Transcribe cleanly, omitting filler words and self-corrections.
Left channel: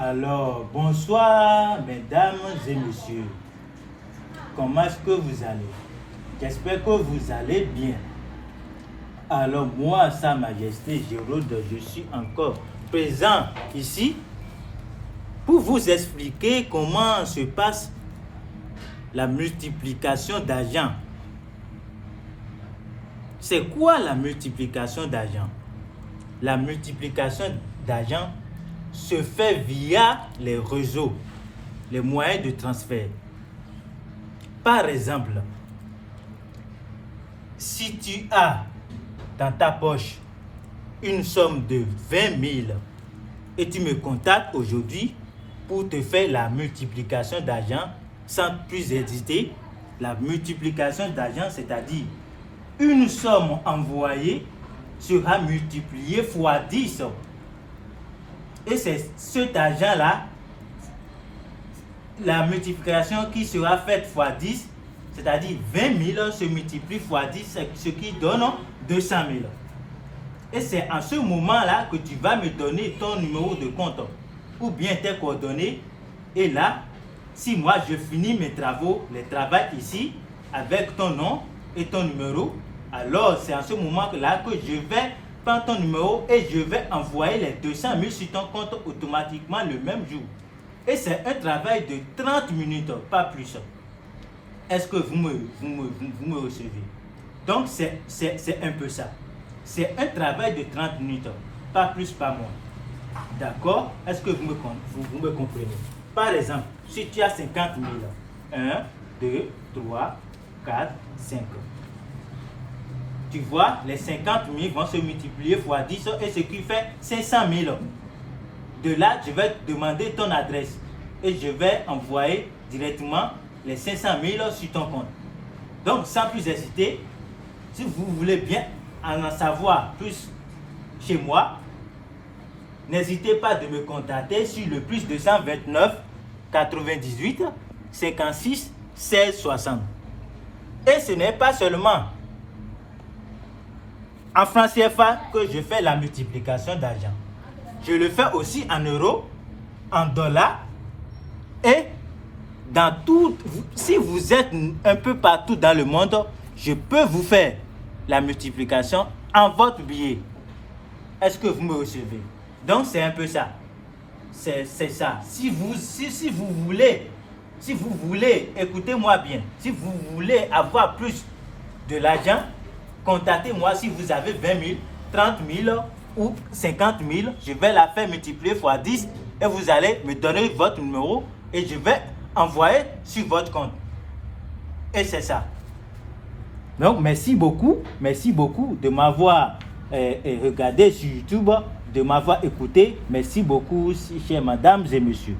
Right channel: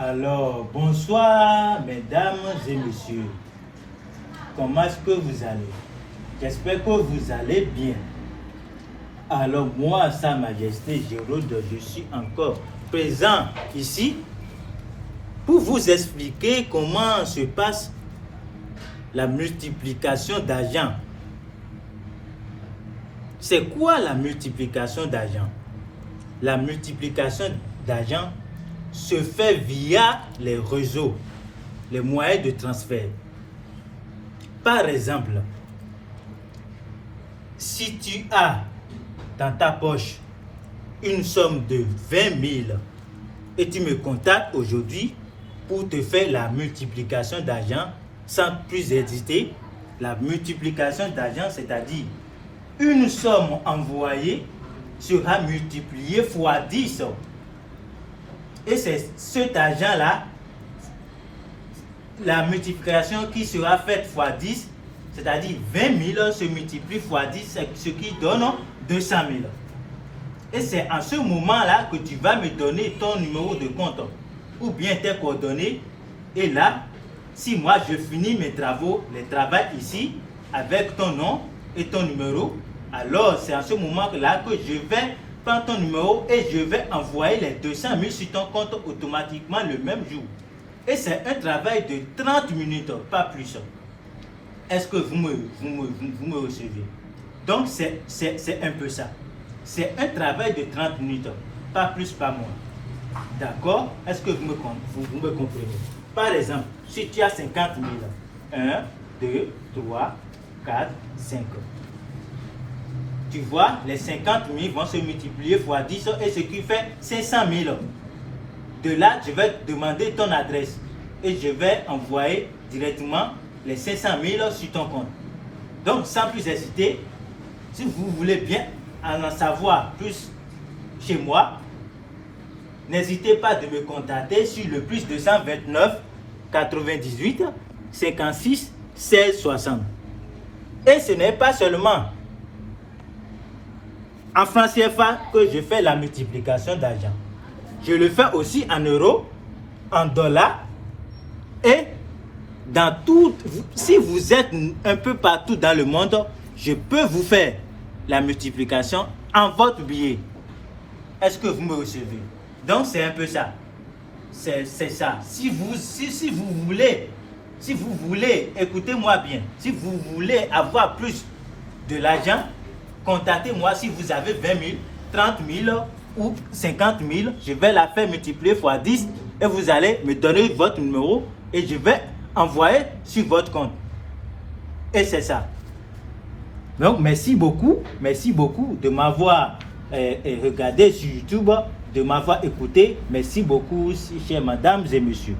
Alors, bonsoir, mesdames et messieurs. Comment est-ce que vous allez? J'espère que vous allez bien. Alors, moi, Sa Majesté Gérald, je suis encore présent ici pour vous expliquer comment se passe la multiplication d'argent. C'est quoi la multiplication d'argent? La multiplication d'argent se fait via les réseaux, les moyens de transfert. Par exemple, si tu as dans ta poche une somme de 20 000 et tu me contactes aujourd'hui pour te faire la multiplication d'argent sans plus hésiter, la multiplication d'argent, c'est-à-dire une somme envoyée sera multipliée fois 10. Et c'est cet argent-là, la multiplication qui sera faite fois 10, c'est-à-dire 20 000 se multiplie fois 10, ce qui donne 200 000. Et c'est en ce moment-là que tu vas me donner ton numéro de compte ou bien tes coordonnées. Et là, si moi je finis mes travaux, les travaux ici, avec ton nom et ton numéro, alors c'est en ce moment-là que je vais prendre ton numéro et je vais envoyer les 200 000 sur ton compte automatiquement le même jour. Et c'est un travail de 30 minutes, pas plus. Est-ce que vous me recevez? Donc c'est un peu ça. C'est un travail de 30 minutes, pas plus, pas moins. D'accord? Est-ce que vous me comprenez? Par exemple, si tu as 50 000, 1, 2, 3, 4, 5. Tu vois, les 50 000 vont se multiplier fois 10 et ce qui fait 500 000. De là, je vais te demander ton adresse et je vais envoyer directement les 500 000 sur ton compte. Donc, sans plus hésiter, si vous voulez bien en savoir plus chez moi, n'hésitez pas de me contacter sur le plus 229 98 56 16 60. Et ce n'est pas seulement en francs CFA que je fais la multiplication d'argent. Je le fais aussi en euros, en dollars et dans tout. Si vous êtes un peu partout dans le monde, je peux vous faire la multiplication en votre billet. Est-ce que vous me recevez? Donc c'est un peu ça. C'est ça. Si vous voulez, écoutez-moi bien, si vous voulez avoir plus de l'argent, contactez-moi si vous avez 20 000, 30 000 ou 50 000. Je vais la faire multiplier fois 10 et vous allez me donner votre numéro et je vais envoyer sur votre compte. Et c'est ça. Donc merci beaucoup de m'avoir regardé sur YouTube, de m'avoir écouté. Merci beaucoup, chères mesdames et messieurs.